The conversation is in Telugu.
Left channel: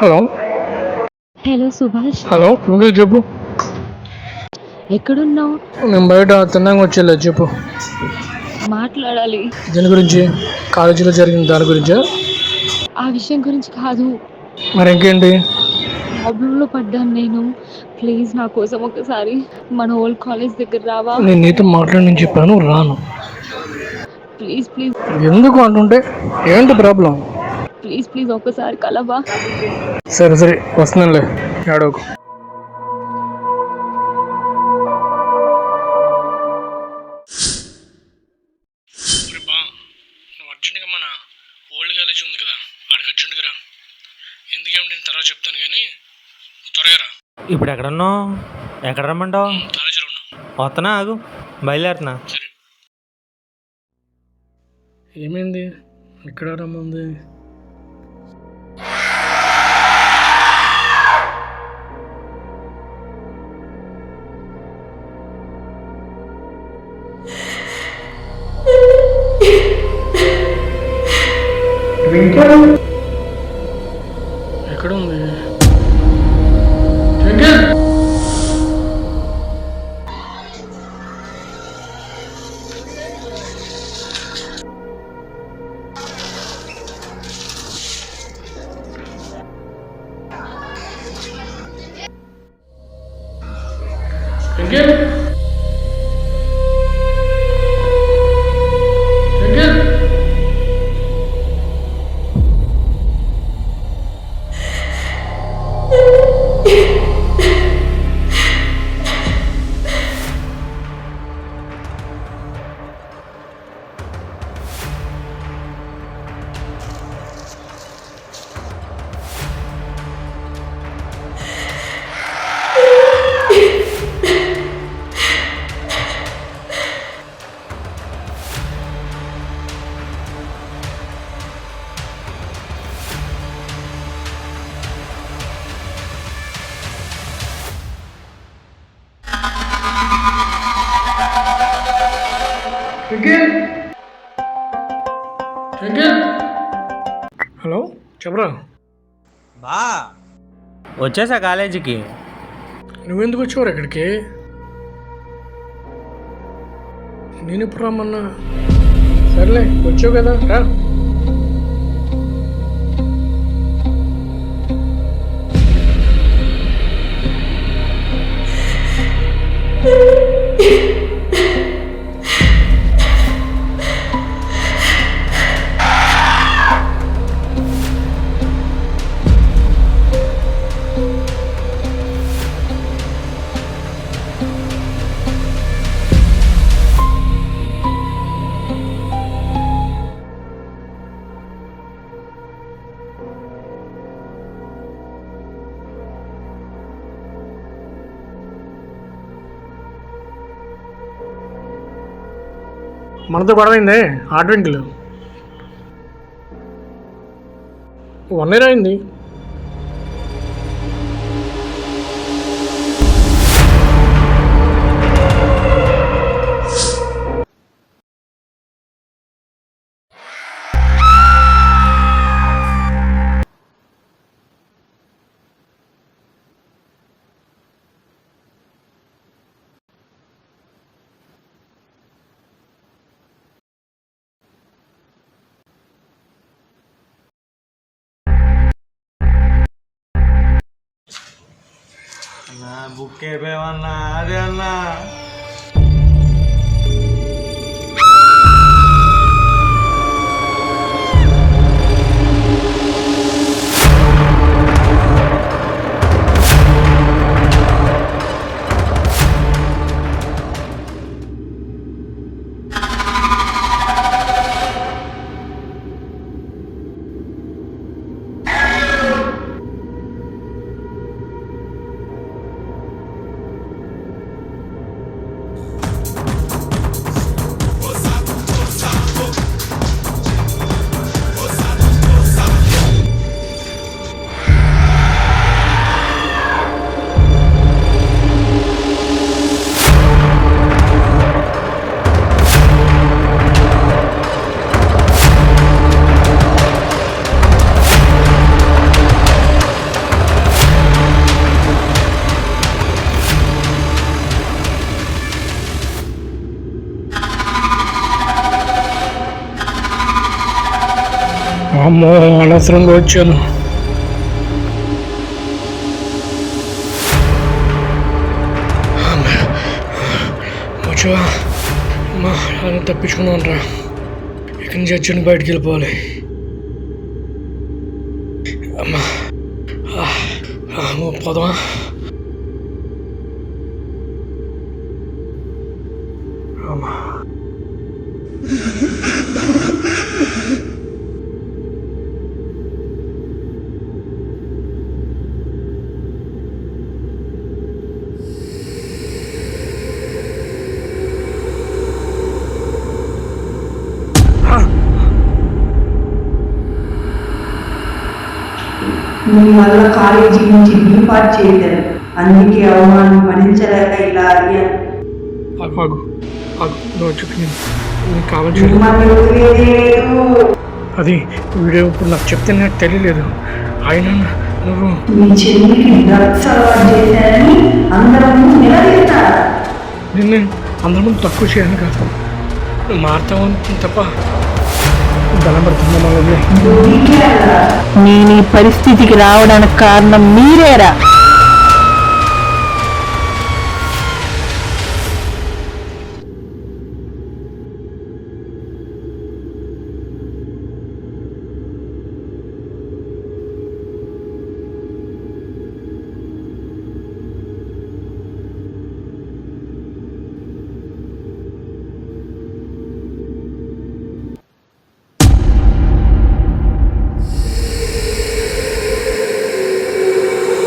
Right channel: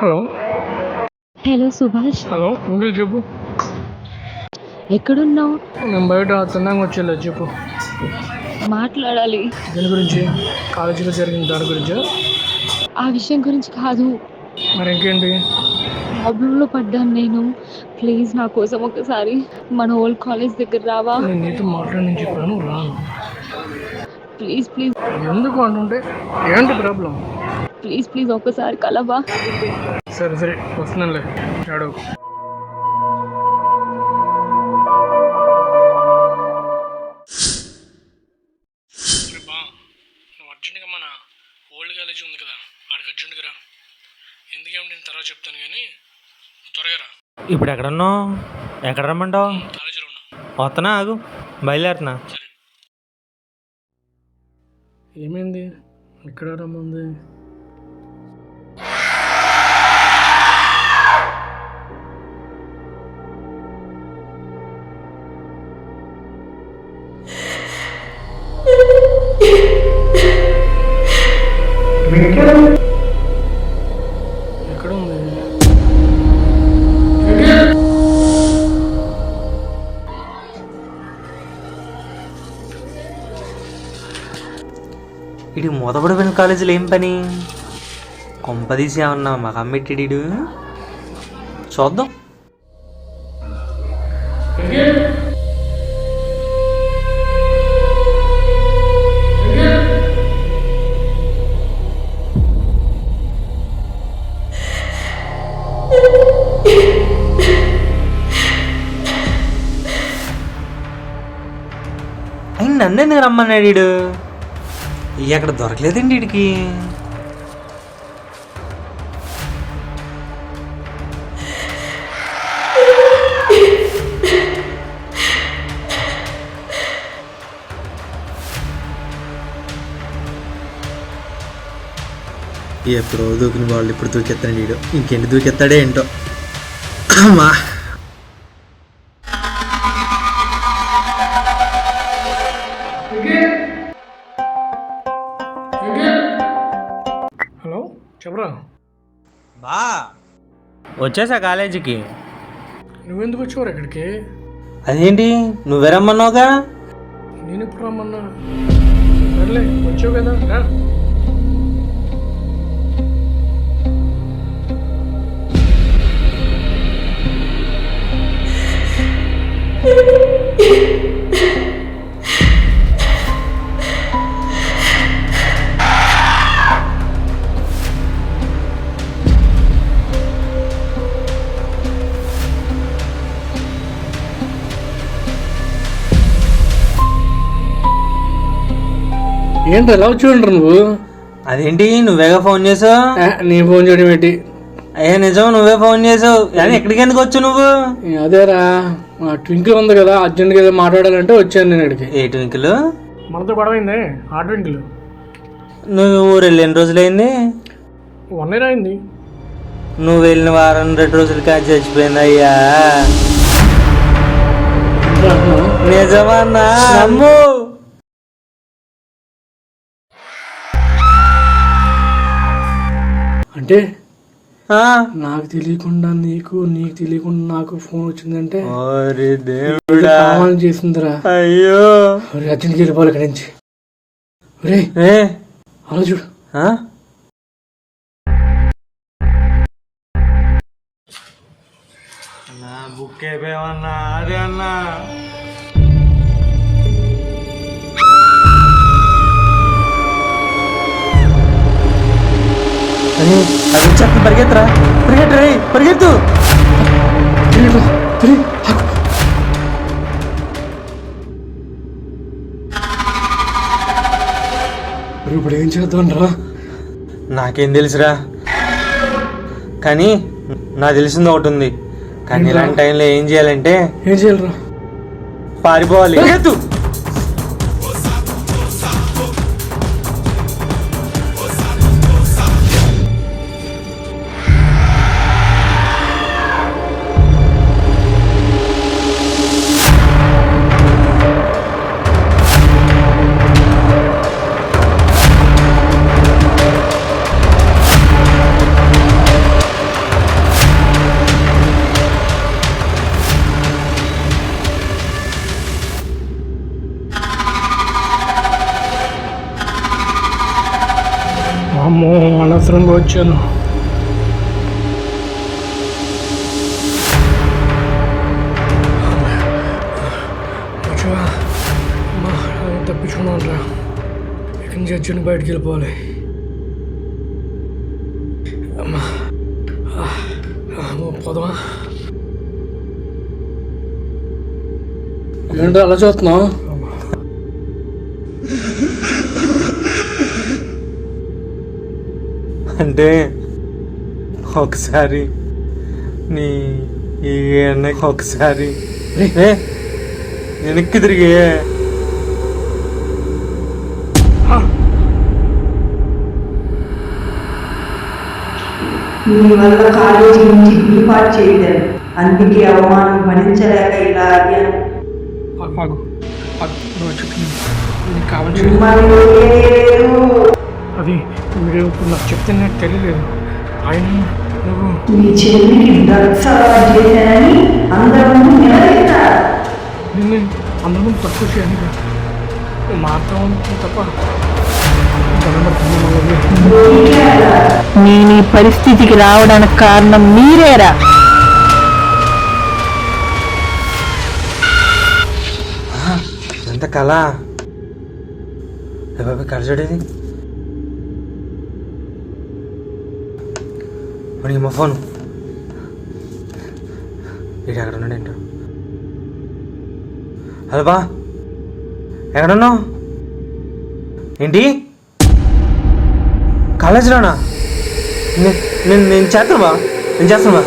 హలో. హలో సుభాష్, హలో, నువ్వే చెప్పు. ఎక్కడున్నావు? నేను బయట తిన్నాక వచ్చేలే, చెప్పు. మాట్లాడాలి. దేని గురించి? కాలేజీలో జరిగిన దాని గురించా? ఆ విషయం గురించి కాదు. మరి ఇంకేంటి? ప్రాబ్లంలో పడ్డాను నేను. ప్లీజ్ నా కోసం ఒకసారి మన ఓల్డ్ కాలేజ్ దగ్గర రావా? నేను నీతో మాట్లాడని చెప్పాను, రాను. ప్లీజ్ ప్లీజ్ ఎందుకు అంటుంటే? ఏంటి ప్రాబ్లం? ప్లీజ్ ప్లీజ్ ఒక్కసారి కలవా? సరే సరే, వస్తున్నానులే, ఏడవకు. నువ్వు అర్జెంటుగా మన ఓల్డ్ కాలేజీ ఉంది కదా, ఆడికి అర్జెంటుగా రా. ఎందుకేమిటి నేను తర్వాత చెప్తాను, కానీ త్వరగా రా. ఇప్పుడు ఎక్కడున్నావు? ఎక్కడ రమ్మంటావు? కాలేజీలో ఉన్నా. వస్తున్నా, ఆగు, బయలుదేరుతున్నా. సరే. ఏమైంది? ఎక్కడ రమ్మంది? ఎక్కడ ఉంది? ఇటు మూతపడిపోయిన కాలేజీలో ఏం పని? కొంపదీసి ఏమన్నా మాకు అమ్మెట్టిడు? చూద్దాం. అయిన నన్ను ఎందుకు రమ్మన్నాడు వీడు? ఎక్కడ దొరకలేదండి వీడికి. ఎప్పుడో దూకిన వాళ్ళు ఇప్పుడు దూకెత్తాడు వీడు. ఇంకెంటి దూకెత్తాడే ఏంటో. అమ్మా, హలో, చెప్పరా. బా వచ్చేసా కాలేజీకి. నువ్వెందుకు వచ్చావు ఇక్కడికి? అదేంటి నువ్వే రమ్మన్నావుగా? నేను ఇప్పుడు రమ్మన్నా. సర్లే, వచ్చావు కదా, రా. ఏంటి ఎలా వచ్చి నువ్వు? అదేంటి నువ్వేగా ఫోన్ చేసావు? నీ ఫోన్ చేయడం ఏంటి? అయ్యా నిజం, నువ్వే ఫోన్ చేసావు. కానీ ఎక్కడికి ఎందుకు వచ్చావు నువ్వు? అదేరా, ట్వింకిల్ ఉంది కదా, అర్జెంట్గా ఏదో మాట్లాడాలంటే వచ్చాను నేను ఇక్కడికి. ఏ ట్వింకిల్? మనతో గొడవైంది ఆ ట్వింకిల్. నువ్వు ఊరు వెళ్ళి ఎన్ని రోజులైంది? 1 year అయింది. నువ్వు వెళ్ళిన వారం 2 రోజులు కాదు చచ్చిపోయింది. అయ్యా నిజమన్నా? నమ్ము. అంటే నాకు తెలియకుండా నీకు, నీకు తెలియకుండా నాకు ఫోన్ వచ్చిందంటే కావాలని చేసిందిరా. అయ్యో, అర్జెంట్కి వెళ్ళిపోవాలి ఇక్కడి నుంచి. అలా చూడు. అన్నా బుక్ అయిపోయావన్నా. అదే అన్నా. పరిగెత్తరా, పరిగెత్తరా, పరిగెత్తు. ఇప్పుడు ఏం చేద్దాం రా? నాకేం తెలుసురా, కానీ నాకు తెలిసింది ఒకటి ఉంది. కానీ ఇలాంటి టైంలో ఏం చేయాలంటే, ఏం చేయాలరా? పారిపోవాలి. అమ్మో అనవసరంగా వచ్చాను. వచ్చా అమ్మా తప్పించుకున్నాను రా. ఇక్కడి నుంచి వచ్చి బయటికి వెళ్ళిపోవాలి. అమ్మా పోదామా? ఏంటో అలా చూస్తున్నావు? అంటే ఒకసారి నీ ఈ అన్నకి ఒకసారి వెనక్కి తిరిగి మీ వల్ల కాలేజీ నుంచి బీపాట్ చేశాను, అందుకే అవమానం భరించలేక ఇలా అయ్యాను. నువ్వు చెప్పింది నీకు కావాల్సి మిమ్మల్ని వదిలేదే లేదు. అది వీడియో ఇప్పుడు నాకు చెప్తే నాకు తెలియలేదు. ఆయన నువ్వు మీ చెల్లికి డ్రగ్స్ అలవాటు చేశానని అందరి ముందు నిలదీస్తారు. నిన్ను అందరి ముందు తక్కువ చేయను కాదు, నువ్వు మారుతావు తప్ప ధనం పడుతున్నా మళ్ళీ. నేను ఈ పరిస్థితికి రావడానికి కారణం మీరేరా? ఎంత కళ బాబా కళ చూడేది. మరి మా ఫోన్ ఇటు ఎక్కడ ఉన్నాడు ఏంటో. హలో బా ఎక్కడున్నావు? ఏంటి కాలేజీలోనా? నేను చేస్తాను బా, నేను చేస్తాను బా.